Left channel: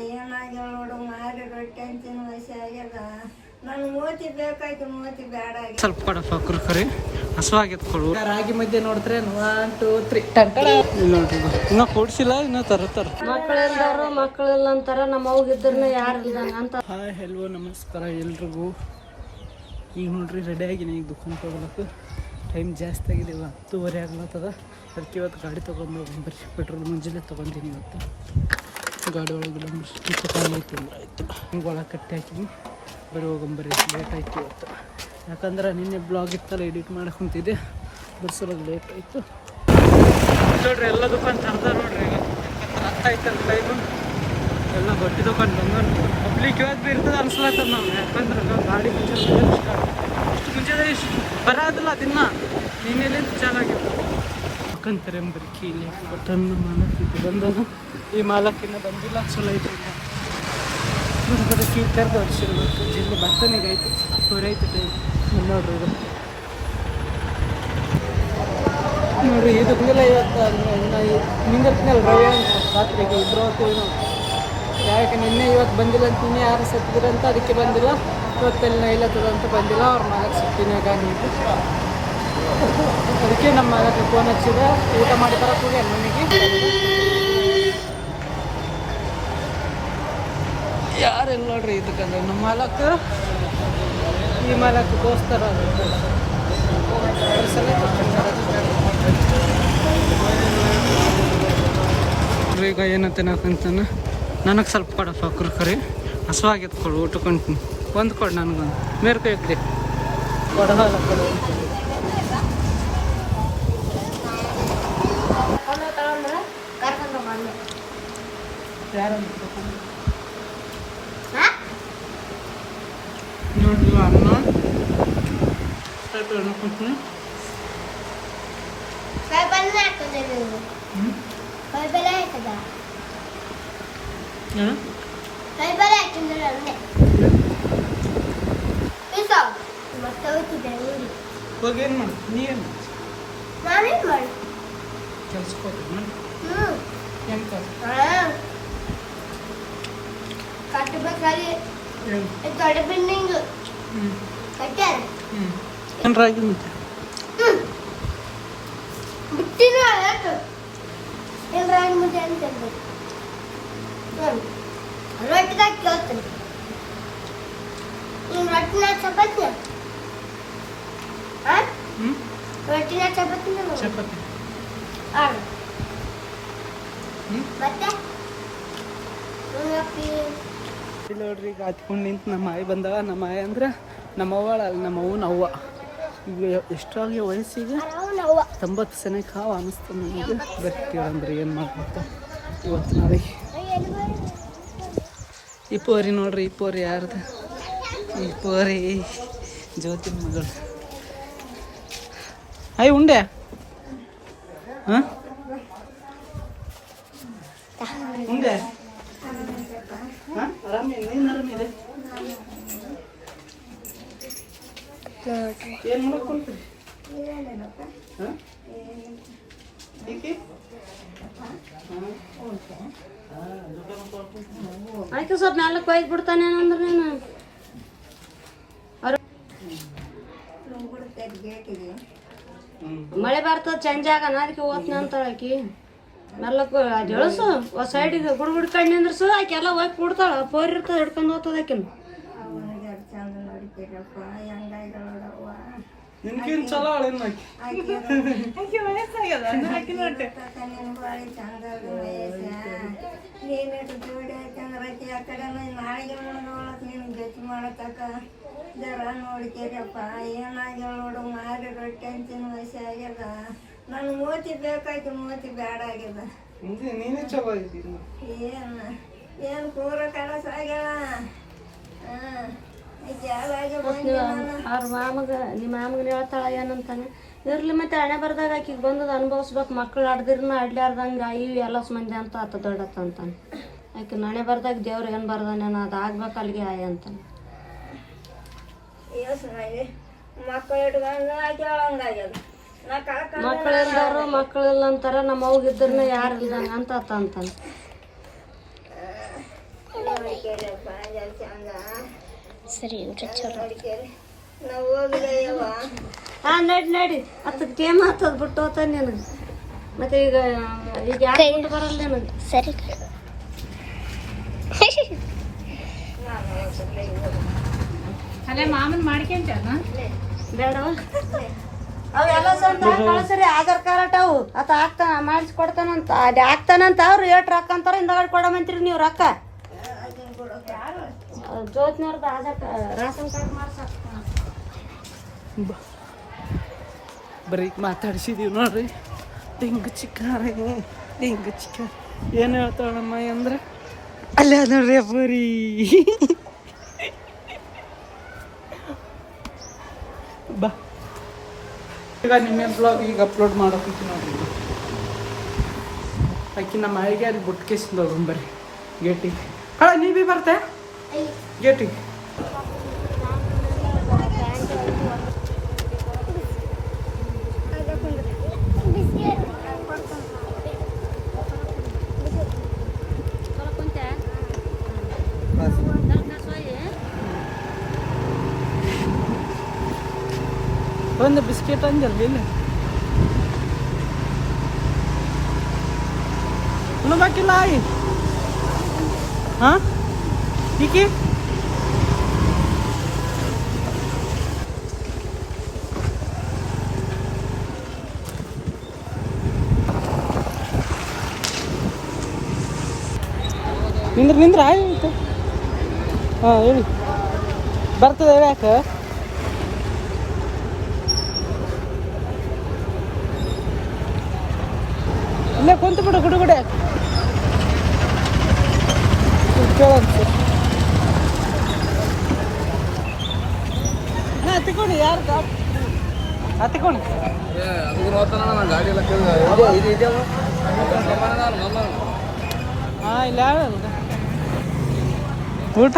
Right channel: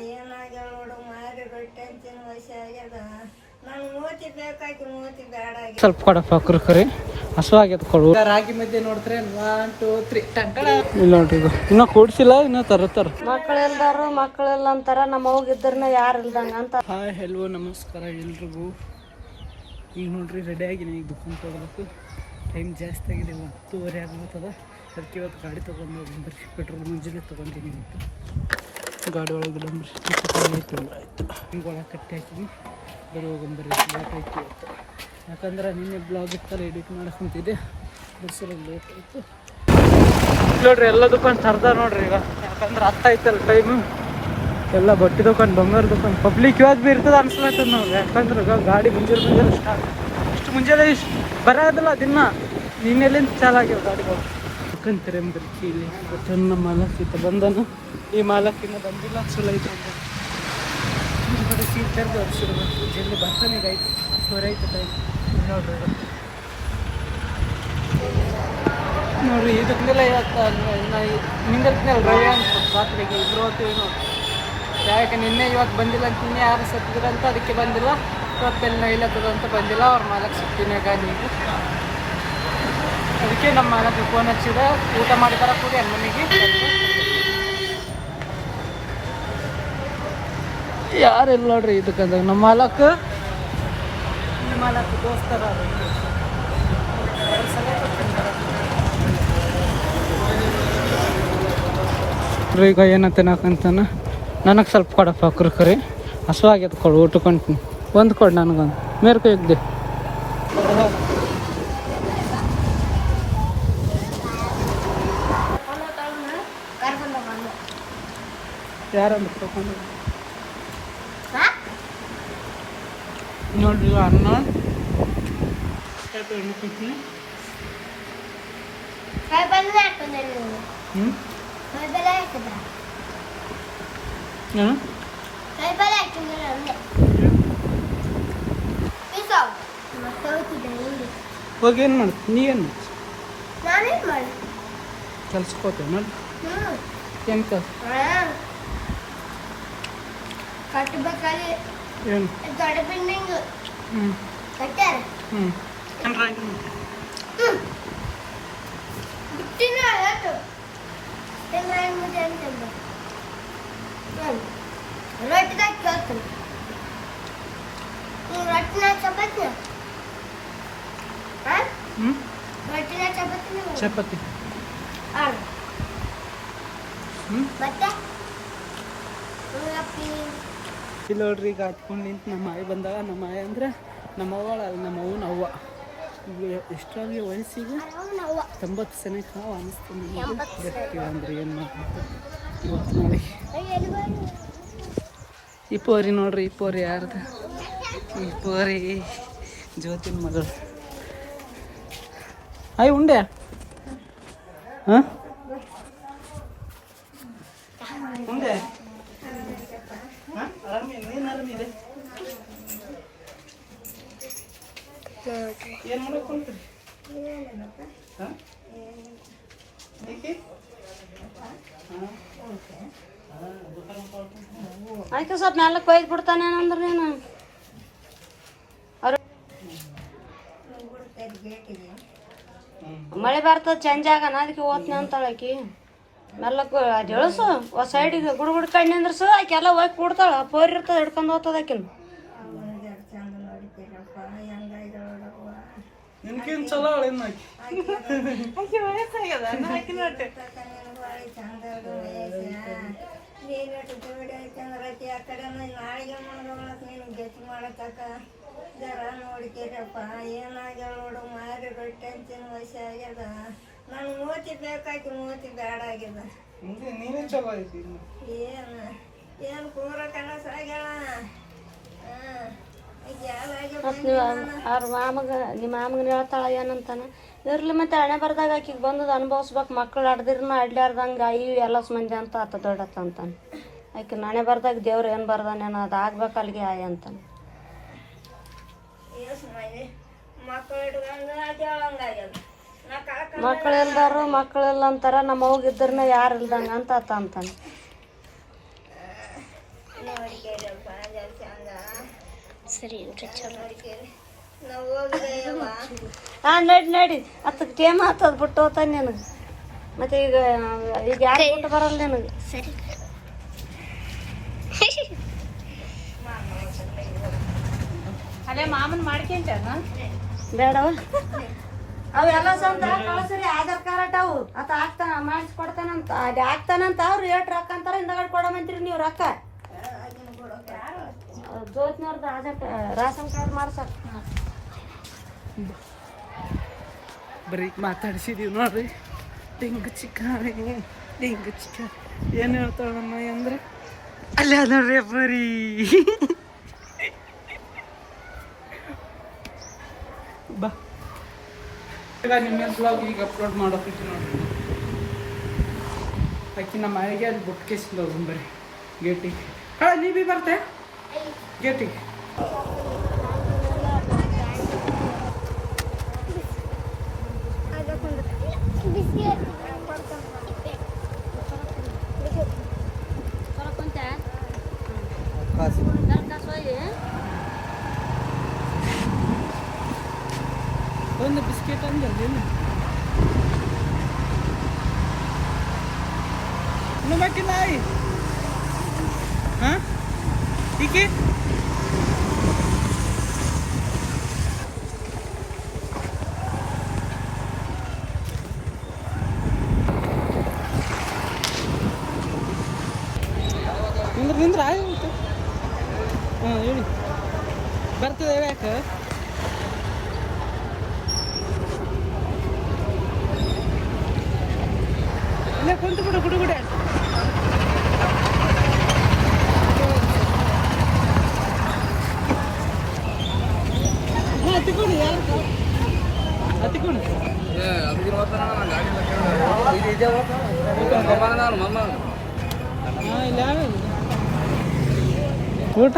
ಏನಾಗ್ಯಾವ ನೋಡು ಮಾರಿ ರೊಟ್ಟಿ ಅಂತಿನ ವಯಸ್ಸು ಆಗ್ಯದ. ನಾನು ಮೂತಿ ಬೇಕಾಯ್ತು, ಮೂತಿ ಬೇಡ ಆಗ್ಯದ. ಸ್ವಲ್ಪ ಕೊಡಪ್ಪ ಕುರ್ಕುರಿ ಹಸುವಾಗ್ಯದ ಕೊಡು. ರಾಗಿ ಮಧ್ಯೆ ನೋಡಿದ್ರೆ 1 2 3 ಟಂಕಡ ಇಲ್ಲ ಇನ್ನೂ ಕೂಡ್ಸಿಲ್ಲ, ಇನ್ನೂ ತರುತ್ತಾರ. ಮಕ್ಕಳೆಲ್ಲ ಅಂತಾರ ನಮ್ಮ ಹೋಗಿದ್ರನ್ನ ಯಾರು ಇಲ್ದಂಗ ಅಂತ. ಹಾಯ್ ಹೆಲೋ ನಮಸ್ಕಾರ ಎಲ್ರಿಗೂ. ಈಗ ನೋಡ್ರಿ ರೆಡಿ ಆಗಿನಿ, ಈಗ ದುಕಾನ್ಗೆ ಹೋಗ್ಲಕ್ಕ ಟೈಮ್ ಜಾಸ್ತಿ ಆಗಿದೆ. 10:30 ಆಗ್ಲತ್ತದ. ಅದಕ್ಕೆ ಇವತ್ತು ಗಾಡಿ ತೊಗೊಂಡು ಹೋಗ್ಬರ್ರಿ. ಪೆಟ್ರೋಲ್ ಮುಂಜಾನೆ ತೊಗೊಂತೀನಿ ಇವತ್ತು. ಗಾಡಿ ಒಳಗೆ ಇಲ್ಲಂಬ್ರಿ ಖಾಲಿ ಐತೆ ಅಂದ್ರೆ ಆಯಿತು. ಹಿಂಗೆ ಒಳಗೆ ಕಟ್ಟಿ ಹಾಕಿನಿ, ಬರೀ ಹೋಗಂಬರ್ರಿ. ಲೇಟ್ ಆಯ್ತು ಇವತ್ತು, ಯಾಕಂದ್ರೆ ನಿನ್ನೆ ಬ್ಲಾಗ್ ಇತ್ತಲ್ಲ ಎಡಿಟ್ ಮಾಡಕ್ಕೆ ಕುಂತಿದ್ದೆ, ಬರ್ಸೋರಿಗೆ ಲೇಟ್ ಆಯಿತು ನೋಡ್ರಿ. ಎಲ್ಲ ದುಕಾನ್ ತರ್ದ ನೋಡ್ರಿ ಈಗ, ಯಾಕಂದ್ರೆ ಆಯ್ತಲ್ಲ ಟೈಮು. ಎಲ್ಲ ಬಟ್ಟೆ ದುಕಾನ್, ಬಂಗಾರ ದುಕಾನ್, ಪಬ್ಲಿಕ್ ಇವತ್ತು ಭೀ ಇರ್ತದೆ ಅನ್ಸ್ಲತ್ತದ ನಾವು. ಯಾಕಂದ್ರೆ ಗಾಡಿ ಮುಂಜಾನೆ ಸ್ಟಾರ್ಟ್ ಇಷ್ಟು ಮುಂಜಾನೆ ಬರೋದಿಲ್ಲ ದಿನ. ನಿನ್ನೆಲ್ಲಿಂದ ಚಾಲಾಗ್ಯಾವ ಗಾಡಿಗಳು ಯಾಕಂತಾರೆ ಅಂಬರ್ಕಿ. ಇಲ್ಲಿ ಬಟ್ ನಮ್ಮ ಮಾಲಕ್ಕಿಂತ ಬಂದನು, ಈ ಮಾಲಕ್ಕಿಂತ ಬಂದಿಲ್ಲ. ಚಲೋ ಐತೆ ಬರೀ ಕೀ ಕರೆದು ಹೊರಿಸಿರ್ಬೇಕು. ಜಲ್ದಿ ಬರ್ತಾನೀಗ ಆಯಿತು, 10:30 ಆಯ್ತು ಟೈಮ್. ನೋಡ್ರಿ ಇದು ನೋಡ್ರಿ, ಇದು ಬಂದಿಲ್ಲ ಇವತ್ತು. ನಿಂದಿರ್ತೀನಲ್ಲ ರವಿ ಅಂತ ರಾತ್ರಿಗೆ ಇಬ್ಬರು ಹೋಗ್ತೀವಿ ನೋಡಿ. ಯಾಕೆ ನಿನ್ನೆ ಇವತ್ತು ಬಂದಿಲ್ಲ ಅಂತ ನಿನ್ನೆ ಯಾರು ಸತ್ತಿದ್ರಂತ ಅದಕ್ಕೆ ಬಂದಿಲ್ಲ. ಇವತ್ತೆಲ್ಲ ಇಲ್ಲತ್ತದ ಅಂತ ಬಂದಿಲ್ಲ. ಅವ್ರ ಮಾಲಕ್ ಸತ್ತಿನಾಗ ನೀವು ಅದಕ್ಕೆ ನಮ್ಮ ಮಾಲಕ್ಕೆ ಫೋನ್ ಹಚ್ಚಿದ, ಊಟ ಮಾಡಿ ಬರಕ್ಕೆ ಹೋಗಿ ಮನೆಗೆ. ಯಾರೆಲ್ಲ ನೋಡ್ರಿ ಇದಕ್ಕಂದ್ರೆ ನಮ್ಮ ಮಾಲಕ್, ಈ ಮಾಲಕ್ ದೋಸ್ತರ ಅದ್ರ ಸಲ ಈಗ ಏನಂತ ನಾಕಂತಾನ. ನನಗೆ ಸ್ವಲ್ಪ ಕೊಡಪ್ಪ ಕುರ್ಕುರಿ ಹಸುವಾಗ್ಯದ ಕೊಡು, ಊಟಕೊಂತೀನಿ. ಒಂದು ಕೊಡು ನನಗೊಂದು, ಮೇರ್ಕ ಇದ್ದೆ ಕೊಡಲ್ಲ ಕೊಡು. ಯಾರಂದ್ರೆ ತಗೊಂಡು ನೋಡ್ರಿ ಅನ್ನ ಸ್ವಲ್ಪ ಅನ್ಕೊಂತೀನಿ. ಹೋಗಿ ಏನು ಮಾಡಿ, ನೀ ಏನು ಮಾಡಿ ಕೆಲ್ಸಕ್ಕೆ ಮಾಡಿ ಹೆಂಗೆ ಕಟ್ಟಬೇಕಾಗಿ ಏನು ದೊಡ್ಡ ಬಿಲ್ಡಿಂಗ್ ಕಟ್ಟಾರ. ಏನ್ರಾಗಿ ಮತ್ತೆ ಬಿಟ್ಟಿನ ಯಾಕೆ ಎಲ್ಲರಾಗಿ ಮುದ್ದೆ ಅಂತ ರೊಟ್ಟಿದಾಗ ಕೇಳ್ತೀನಿ. ರೊಟ್ಟಿನ ಚಪಾತಿನ ರೊಟ್ಟಿನ ಚಪಾತಿನ ಚಪಾತಿ ಮತ್ತೆ ಇಲ್ಲಿ ನೋಡ್ರಿ. ಈಗ ಹತ್ಕೊಂಡು ನಿಂತು ನಮ್ಮ ಆಯಿ ಬಂದಾಗ, ನಮ್ಮ ಆಯಿ ಅಂದ್ರೆ ನಮ್ಮ ಅವ್ವಳ ಅಲ್ಲ, ನಮ್ಮ ಅವ್ವನ ಅವ್ವ. ಈಗ ಎಷ್ಟಾಗಿ ವಯಸ್ಸಿಗೆ 90 ಸೆನೆಗೆ ಹಾವು ಅನ್ನಿಸ್ತು ನನಗೆ. ಬರ್ತೀವಂದ್ರೆ ಏನು ಮಾಡ್ಬೇಕು ಇವತ್ತು ನಾಳೆ. ಈ ಪೋರಿ ನೋಡ್ರಿ, ಈ ಪೋರಿ ಯಾರ್ದು? ಈ ಪೋರಿ ಜ್ಯೋತಿನ ಮಗಳು. ಆಯ್ ಉಂಡೆ ಹಾಂ ಉಂಡೆ ಆರಾಮಿದೆ, ನೀನು ಆರಾಮಿದೆ? ಏನು ಮಾಡ್ಕೊಂಡ್ರಿ? ಹಾಂ ಆಯ್ತು ಸ್ವಲ್ಪ ನೆಲಕ್ಕೆ ಒಯ್ದು ಬಿಡ್ತಾನೆ ಅಂದ್ರೆ ನೀನು. ಮಳೆ ಬರ್ತದ ಚೇಂಜ್ ಆಗನ, ಅದಕ್ಕೆ ಓದ್ನ ಅಂತಾಳೆ ಆಕಿ. ಮೆಲ್ಲಕ್ಕೆ ಜಳಸು ಸೈಡಿಗೆ ಗುಡ್ಗುಡ್ ಕಣ್ಣು ನಿಂದ್ರಸು, ಆಕೆ ಎಲ್ಲ ಹೋಗಿ ಕೊಡ್ತಾಳ. ಪೋರ್ ಇರ್ತದೆ ಹಿಡ್ಕೊಂಡು ಹೋಗ್ತದ ಆಕಿನ. ನಿನ್ಕೇನು ಚಲೋ ಚಂದ ನೀನು ಜೋಡಿ ಆಯ್ತಂದ್ರೆ ಆಕಿ ಆ ಕಡೆ ನಾಳೆಗೆ ಮುಣದೊಳಕ್ಕೆ ನೀನು ಗತಿ ಮಾಡತಕ್ಕ ಜರ ನೋಡ್ಕೇರಪ್ಪ. ಏನಾಗ್ಯಾವ ನೋಡು ಮಾರಿ ರೊಟ್ಟಿ ಅಂತಿನ ವಯಸ್ಸು ಆಗ್ಯದ. ನಾನು ಮೂತಿ ಬೇಕಾಯ್ತು, ಮೂತಿ ಬೇಡ ಆಗ್ಯದ. ನೀನೇ ಚಲೋ ಇದ್ದೀನಿ. ಏನು ಕೂರ ಕನಸ ಆಗ್ಯಾಳ. ಅವ್ರ ಮಾಮಗೆ ನಿಮ್ಮ ಮಾಮಗ ಹೇಳ್ತಾಳ ಏನಂತಾನೆ, ಇರ್ಲಿ ಮತ್ತೆ ಹಣೆ ಬರ್ದಾಗ ಆಕಿಗೆ ಬಂದದ ಅನುಭವಿಸ್ಬೇಕು. ಮಕ್ಕಳು ಆಡ್ದಿರ್ನ ಆಡ್ಲಾರ್ದಂಗೆ ಈ ಎಲ್ಲ ಮಂದಿ ಅಂತ ಆತ ದೊಡ್ಡತ್ತ ಅಂತಾನೆ. ಆಕೆ ಹಣೆ ಬರ್ದಾಗ ದೇವ್ರು ಏನು ಬರ್ದಾನೇನೋ ಅದು ಆಗ್ಬೇಕು ಅಲ್ಲಿಗೆ ಆಯ ಅಂತಾನೆ. ಮಕ್ಕಳು ಇಟ್ಕೊಂಡು ಆಕೆ ಮಕ್ಕಳೆಲ್ಲಾರು ಮಕ್ಕಳೆಲ್ಲ ಅಂತಾರ ನಮ್ಮ ಹೋಗಿದ್ರನ್ನ ಯಾರು ಇಲ್ದಂಗ ಅಂತ ಆತ ಅಂತಾನೆ. ಸರಿ ಇಲ್ರಿ ಚಲೋ ಹಾಂ ನಡಿ ಅತ್ತ ಟೇಮ್ ಹತ್ತದ ಬಿಟ್ಟು ಹೋಗ್ತಾನೆ ನೀನು ಮತ್ತೆ ಈಗ ಯಾಕೆ ಬರಲ್ಲ ನೀನು ಸರಿ ಅಲ್ಲೇ ಮಾಮನ್ ಮಾಡ್ಕೊಂಡ ಬೇಡವ ಅವೆಲ್ಲ ಸಂತ ಕಳ್ಸ್ರಿ ಆಧಾರ್ ಕಾರ್ಡ್ ಅವು ಆತ ಹಾಕ್ತಾನ ಮಾಡಿಸ್ಕೊಡ್ತಾನಂತ ಅದು ಹಾಕ್ತಾನಂತ ಅವ್ರು ಏಟ್ ರೊಕ್ಕ ಅಂತಾರ ಹಿಂದಗಡೆ ಕೊಡಮಂತೀರಿ ನೀವು ರೊಕ್ಕ ಜ್ಯೋತಿನವ್ರದ್ದು ರಾಷನ್ ಕಾರ್ಡ್ ಮಾಡ್ಸಕ್ ಬರೀ ಮಾತಾಡ್ಸಿದೀವಿ ನೋಡ್ರಿ ಡಿಂಗ್ ಚಿಕ್ಕಾರೆ ಡಿಂಗ್ ಚಿಕ್ಕ ಏನು ಹೇಳ್ತಾಳಮ್ಮ ಅಂದ್ರೆ ಅಲ್ಲೇ ಅದ ನೋಡ್ರಿ ಬರೀ ಬಾ ಈಗ ನಿನ್ನೆ ಬ್ಲಾಗ್ ಈಗ ಅಪ್ಲೋಡ್ ಮಾಡೋಕೆ ನೋಡ್ರಿ ಆಕಿ ನಮ್ಮ ಮನೆಗೆ ಅಲ್ಲಿ ಬುಟ್ಕೇಸಿಂದ ಹೋಗಂಬರಿ ಗೇಟಿಗೆ ನೀ ಬಿ ಬರ್ತೆ ಗೇಟಿಗೆ ಒಂದು ಬಿಸ್ಕೆಟ್ ಅಂದಿರಲಿಲ್ಲ ಬಾಕಿಲ್ಲ ಆಯಿ ಹಾಂ ಹೀಗೆ ನಿಂದ್ರ ಆಯ್ತು ಹಾಂ ಹೇಳಿ ಬರ್ತದೆ ಯಾಕೆ ಇಲ್ಲ ಕುಂತು ಬಿಡು ಗುಡು ಗುಡು ಹತ್ತಿಕೊಂಡು ಯಾರು ಹತ್ತಿಕೊಂಡು ಹಾಂ ಇಲ್ಲ ಯಾವ್ಯಾವ ಊಟ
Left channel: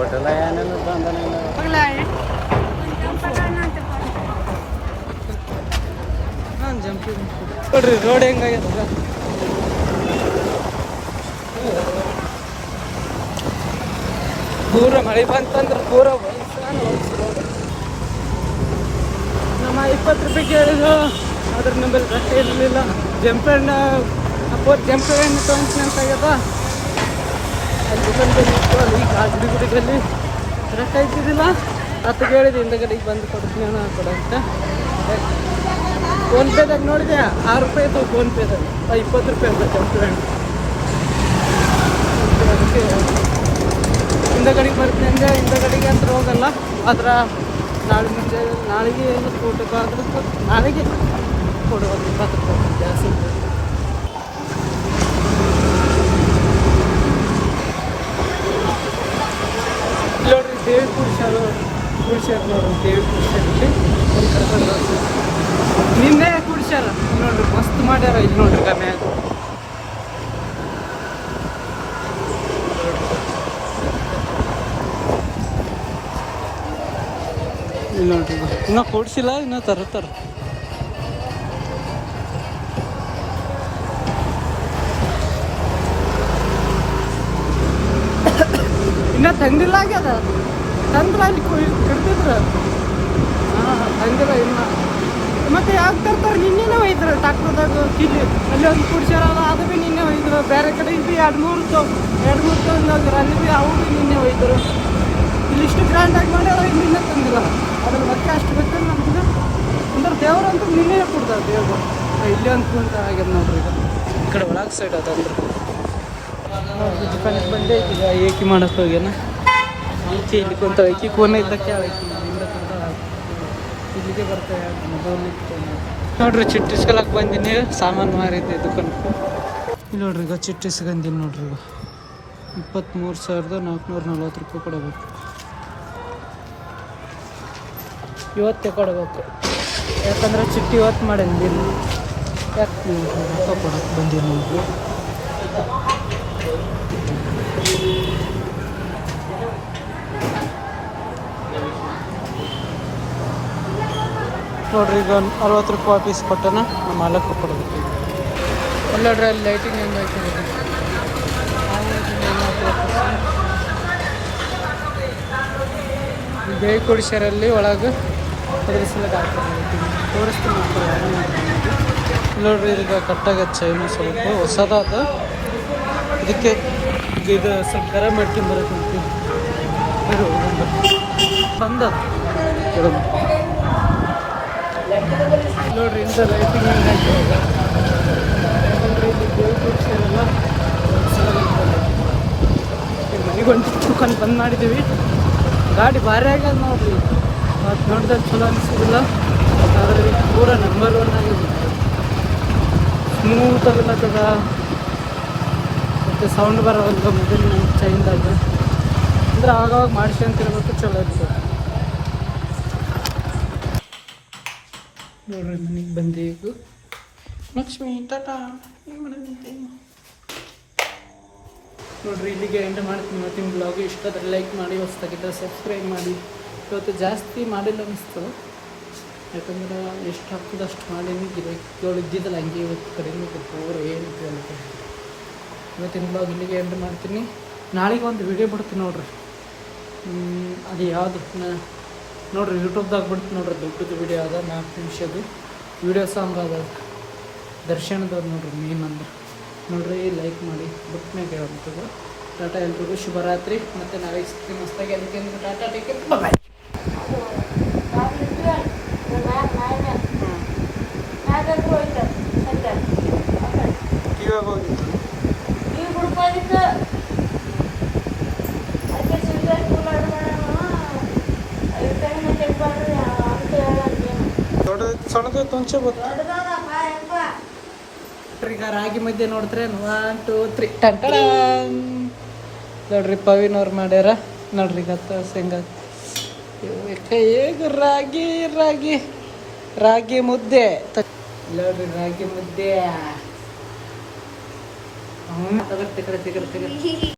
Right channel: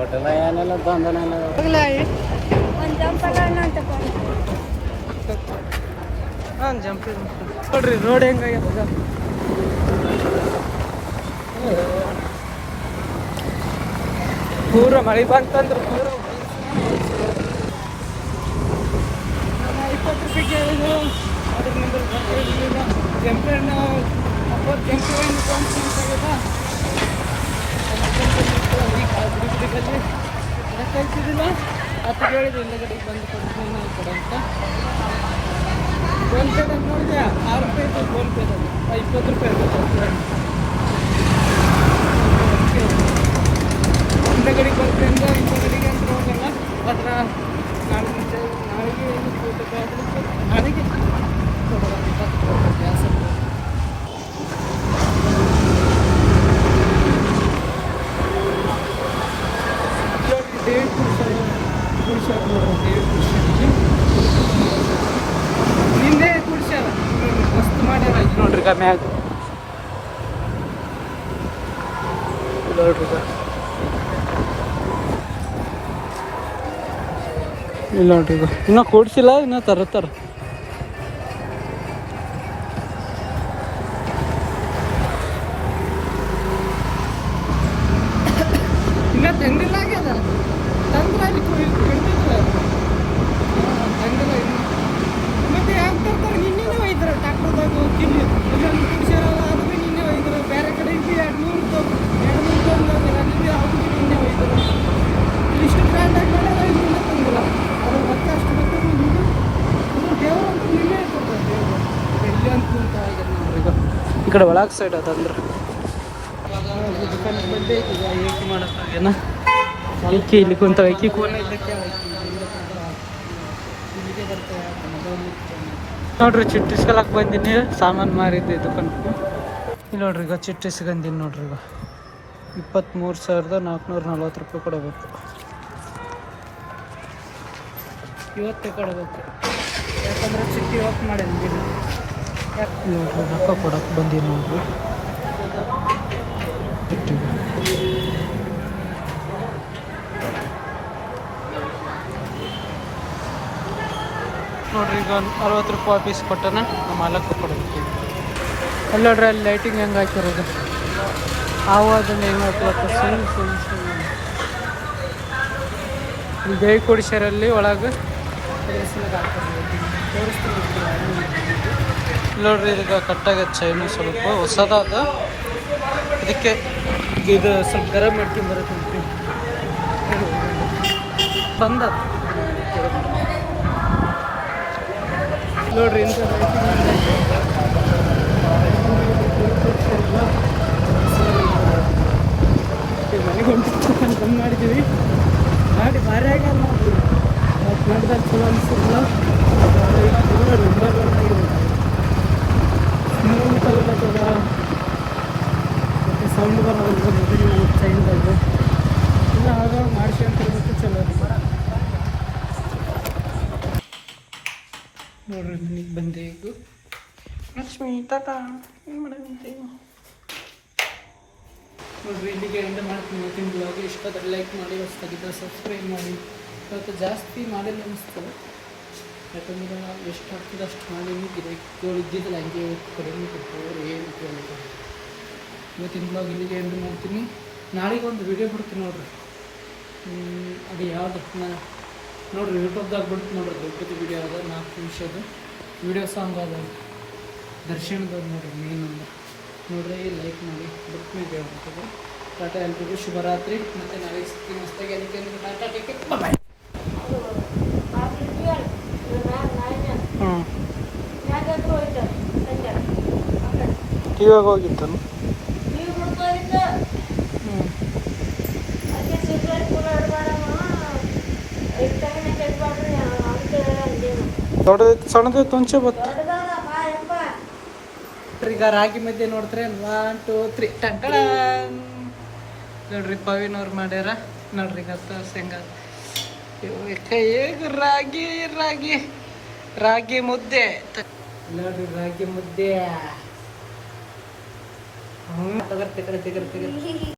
ಊಟಲ್ಲ ಏನೆಲ್ಲ ಹಾಂ ಜಂಪಿಂಗ್ ನೋಡ್ರಿ ರೋಡ್ ಹೆಂಗಾಗ್ಯದ ಪೂರ ಮಳೆ ಬಂತಂದ್ರೆ ಪೂರ ನಮ್ಮ 20 ರೂಪಾಯಿ ಕೇಳಿದ್ರು ಅದ್ರ ನಂಬಲ್ಲಿ ರೊಕ್ಕ ಇರಲಿಲ್ಲ ಜಂಪಣ್ಣ ಅಪ್ಪೋರ್ ಜಂಪಣ್ಣ ತೊಗೊಂಡು ಅಂತ ಆಗ್ಯದ ಅಲ್ಲಿ ದುಕಾನ್ದಲ್ಲಿ ಇತ್ತು ಅಲ್ಲಿ ಗುಡಿ ರೊಕ್ಕ ಇದ್ದಿದ್ದಿಲ್ಲ ಅಪ್ಪ ಕೇಳಿದೆ ಹಿಂದಗಡೆಗೆ ಬಂದು ಕೊಡ್ತೀನಿ ಕೊಡ ಅಂತ ಫೋನ್ಪೇದಾಗ ನೋಡಿದೆ 6 ರೂಪಾಯಿ ಇತ್ತು ಫೋನ್ಪೇದಾಗ 20 ರೂಪಾಯಿ ಅಂತ ಜಂಪಣ್ಣ ಹಿಂದಗಡೆಗೆ ಬರ್ತೀನಿ ಅಂದೆ ಹಿಂದಗಡೆಗೆ ಅಂತ ಹೋಗಲ್ಲ ಆದ್ರೆ ನಾಳೆಗೆ ಏನು ಊಟಕ್ಕಾದ್ರೂ ನಾಳೆಗೆ ಕೊಡುವ 20 ರೂಪಾಯಿ ಗ್ಯಾಸ್ ಇರ್ಬೋದು ನೋಡ್ರಿ ದೇವಿ ಕುಡ್ಸ್ಯಾರ ನೋಡ್ರಿ ದೇವಿ ಕುಡ್ಸ್ಯಾರಲ್ಲಿ ನಿನ್ನೆ ಕುಡ್ಸ್ಯಾರ ನೋಡ್ರಿ ಮಸ್ತ್ ಮಾಡ್ಯಾರ ಇದು ನೋಡ್ರಿ ಮ್ಯಾಗ ನೋಡ್ರಿ ನೋಡ್ರಿ ಇನ್ನೂ ಕೂಡ್ಸಿಲ್ಲ ಇನ್ನೂ ತರತ್ತಾರ ಇನ್ನೂ ತಂದಿಲ್ಲ ಆಗ್ಯದ ತಂದ್ರೆ ಅಲ್ಲಿ ಇಡ್ತಿದ್ರು ಹಾಂ ತಂದಿಲ್ಲ ಇನ್ನು ಮತ್ತೆ ಯಾಕೆ ತರ್ತಾರೆ ನಿನ್ನೆನೇ ಒಯ್ದ್ರು ಟ್ಯಾಕ್ಟರ್ದಾಗ ಕಿಲ್ಲಿ ಅಲ್ಲಿ ಒಂದು ಕುಡ್ಸ್ಯಾರ ಅದು ಭೀ ನಿನ್ನೆ ಒಯ್ದ್ರು ಬೇರೆ ಕಡೆ ಇದು 2-3 ತೊಗೊಂಡು ಹೋಗಿರು ಅಲ್ಲಿ ಭೀ ಅವು ಭೀ ನಿನ್ನೆ ಒಯ್ದ್ರು ಇಲ್ಲಿ ಇಷ್ಟು ಗ್ರ್ಯಾಂಡಾಗಿ ಮಾಡ್ಯಾರ ನಿನ್ನೆ ತಂದಿಲ್ಲ ಅದ್ರ ಮತ್ತೆ ಅಷ್ಟು ಗೊತ್ತಿಲ್ಲ ನಮ್ಗೆ ಅಂದ್ರೆ ದೇವ್ರು ಅಂತ ನಿನ್ನೆ ಕೊಡ್ತಾರೆ ದೇವ್ರು ಈಗ ಇಲ್ಲಿ ಅಂತ ಆಗ್ಯದ ನೋಡ್ರಿ ಈಗ ಈ ಕಡೆ ಒಳಗೆ ಸೈಡ್ ಅದ ಅಂದ್ರೆ ದುಕಾನಿಗೆ ಬಂದೇ ಐತಿ ಈಗ ಏಕಿ ಮಾಡಕ್ಕೆ ಹೋಗ್ಯಾನ ಈಚೆ ಇಲ್ಲಿ ಕುಂತ ಈಕಿ ಕೋನೆ ಇದ್ದಕ್ಕೆ ಆಯ್ತು ಇಲ್ಲಿಂದ ಕುಂತ ಇಲ್ಲಿಗೆ ಬರ್ತಾವೆ ಮೊದಲು ನೋಡ್ರಿ ಚಿಟ್ಟು ಇಸ್ಕೊಳಕ್ಕೆ ಬಂದೀನಿ ಸಾಮಾನು ಮಾರಿದ್ದೆ ದುಕಾನ್ಕು ಇಲ್ಲಿ ನೋಡ್ರಿ ಈಗ ಚಿಟ್ಟು ಇಸ್ಕೊಂಡೀನಿ ನೋಡ್ರಿ ಈಗ 23,440 ರೂಪಾಯಿ ಕೊಡಬೇಕು ಇವತ್ತೇ ಕೊಡಬೇಕು ಯಾಕಂದ್ರೆ ಚಿಟ್ಟು ಇವತ್ತು ಮಾಡೀನಿ ಯಾಕೆ ನೋಡ್ರಿ ರೊಕ್ಕ ಕೊಡಕ್ಕೆ ಬಂದೀನಿ ನೋಡ್ರಿ ನೋಡ್ರಿ ಈಗ 60 ರೂಪಾಯಿ ಪೀಸ್ ಕೊಟ್ಟನ ನಮ್ಮ ಮಾಲಕ್ಕೆ ಕೊಡಬೇಕು ಈಗ ಅಲ್ಲಿ ನೋಡ್ರಿ ಅಲ್ಲಿ ಲೈಟಿಂಗ್ ಹೆಂಗೆ ಹಾಕಿರೋದು ಆವಾಜಲ್ಲಿ ಏನು ಬೇಯಿ ಕೊಡಿಸ್ಯಾರಲ್ಲಿ ಒಳಗೆ ಅದ್ರ ಸಲಗ ಹಾಕಿರ್ಲಿ ತೋರಿಸ್ತೀನಿ ನೋಡ್ರಿ. ಈಗ ಕಟ್ಟಾಗತ್ತೆ ಚೈನು ಸ್ವಲ್ಪ ಹೊಸದಾದ, ಅದಕ್ಕೆ ಇದು ಸ್ವಲ್ಪ ಗರಂ ಮಾಡ್ಕೊಂಡು ಬರಕ್ಕೆ ಬಂದದ ನೋಡ್ರಿ. ಇಂಥ ಲೈಟಿಂಗ್ ಮನೆಗೆ ಒಂದು ಚಿಕ್ಕಂದು ಬಂದ್ ಮಾಡಿದ್ದೀವಿ. ಗಾಡಿ ಭಾರಿ ಆಗ್ಯದ ನೋಡ್ರಿ. ಮತ್ತು ನೋಡ್ದಾಗ ಚಲೋ ಅನಿಸೋದಿಲ್ಲ, ಆದರೆ ಪೂರ ನಂಬರ್ 1 ಆಗಿದೆ. ಸ್ಮೂತ್ ಬರ್ತದ ಮತ್ತು ಸೌಂಡ್ ಬರೋದಿಲ್ಲ ಮೊಬೈಲ್ ಚೈನ್ದಾಗ. ಅಂದ್ರೆ ಆಗಾಗ ಮಾಡಿಸ್ಕೊಂತಿರ್ಬೇಕು, ಚಲೋ ಇರ್ತದೆ ನೋಡ್ರಿ. ಮನೆಗೆ ಬಂದೆ ಈಗ. ಲಕ್ಷ್ಮಿ ಟಾಟಾ ಏನು ಮಾಡೋದಂತೆ ನೋಡ್ರಿ. ಇಲ್ಲಿಗೆ ಎಂಡ್ ಮಾಡ್ತೀನಿ ಇವತ್ತಿನ ಬ್ಲಾಗ್. ಇಷ್ಟಾದ್ರೆ ಲೈಕ್ ಮಾಡಿ, ಹೊಸದಾಗಿದ್ದರೆ ಸಬ್ಸ್ಕ್ರೈಬ್ ಮಾಡಿ. ಇವತ್ತು ಜಾಸ್ತಿ ಮಾಡಿಲ್ಲ ಅನಿಸ್ತದೆ, ಯಾಕಂದ್ರೆ ಎಷ್ಟು ಆಗ್ತದೆ ಅಷ್ಟು ಮಾಡೀನಿ. ಗಿರಾಕಿಗಳು ಇದ್ದಿದ್ದಲ್ಲ, ಹಂಗೆ ಇವತ್ತು ಕಡಿಮೆ ಕೊಟ್ಟು ಅವ್ರು ಏನಿತ್ತು ಎಲ್ಲ. ಇವತ್ತಿನ ಬ್ಲಾಗ್ ಇಲ್ಲಿಗೆ ಎಂಡ್ ಮಾಡ್ತೀನಿ. ನಾಳೆಗೆ ಒಂದು ವಿಡಿಯೋ ಬಿಡ್ತೀನಿ ನೋಡ್ರಿ. ಅದು ಯಾವುದು ನೋಡ್ರಿ, ಯೂಟ್ಯೂಬ್ದಾಗ ಬಿಡ್ತೀನಿ ನೋಡ್ರಿ. ದೊಡ್ಡದು ವಿಡಿಯೋ ಅದ, 4 ನಿಮಿಷದ್ದು ವಿಡಿಯೋ ಸಾಂಗ್ ಅದ, ದರ್ಶನದವ್ರು ನೋಡ್ರಿ ಮೇನ್ ಅಂದ್ರೆ. ನೋಡ್ರಿ, ಲೈಕ್ ಮಾಡಿ. ಬಿಟ್ಟ ಮ್ಯಾಗ ಹೇಳುವಂಥದ್ದು. ಟಾಟಾ, ಎಲ್ರಿಗೂ ಶುಭರಾತ್ರಿ. ಮತ್ತು ನಾಳೆ ಸಿಗ್ತೀನಿ ಮಸ್ತಾಗಿ. ಅದಕ್ಕೆ ಅಂದ್ರೆ ಟಾಟಾ, ಟೇಕ್ ಕೇರ್, ಬಾಯ್. ಇವಾಗ ಹೋಗಿತ್ತು ದೊಡ್ಡದೈತಿ ಸಣ್ಣದೈತಿ ಒಂಚೆ ಬತ್ತು. ಈಗ ರಾಗಿ ಮಧ್ಯೆ ನೋಡ್ತಾರೆ 1 2 3 ಟಂಟಡ ನೋಡ್ರಿ. ಪವಿನವ್ರು ಮಾಡ್ಯಾರ ನೋಡ್ರಿ. ಗತ್ತ ಶೇಂಗಾ ಹೇಗ ರಾಗಿ ರಾಗಿ ರಾಗಿ ಮುದ್ದೆ ನೋಡ್ರಿ. ರಾಗಿ ಮುದ್ದೆ ತಗರ್ತಿ ಕಡೆ